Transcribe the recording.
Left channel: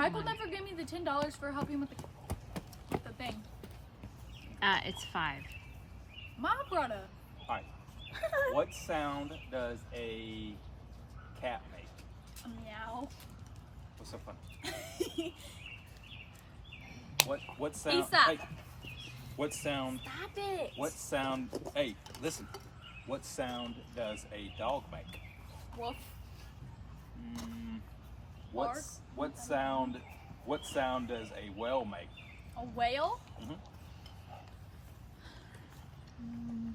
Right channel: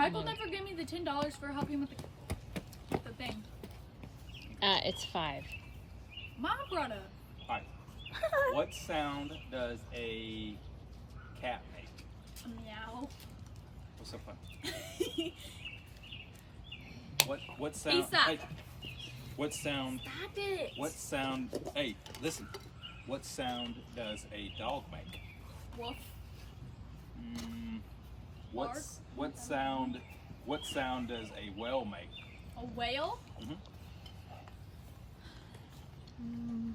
Michael never gave me the $10 for helping with the thing. It's 5. Mom brought up. Alright. What sound does a cat make? A meow. What's so funny? What sound? Stop. Hey, what sound? Stop it. What sound? Hey, listen. What sound does a dog make? Wolf. What sound? What sound does a whale make? A whale? Mhm. Mm.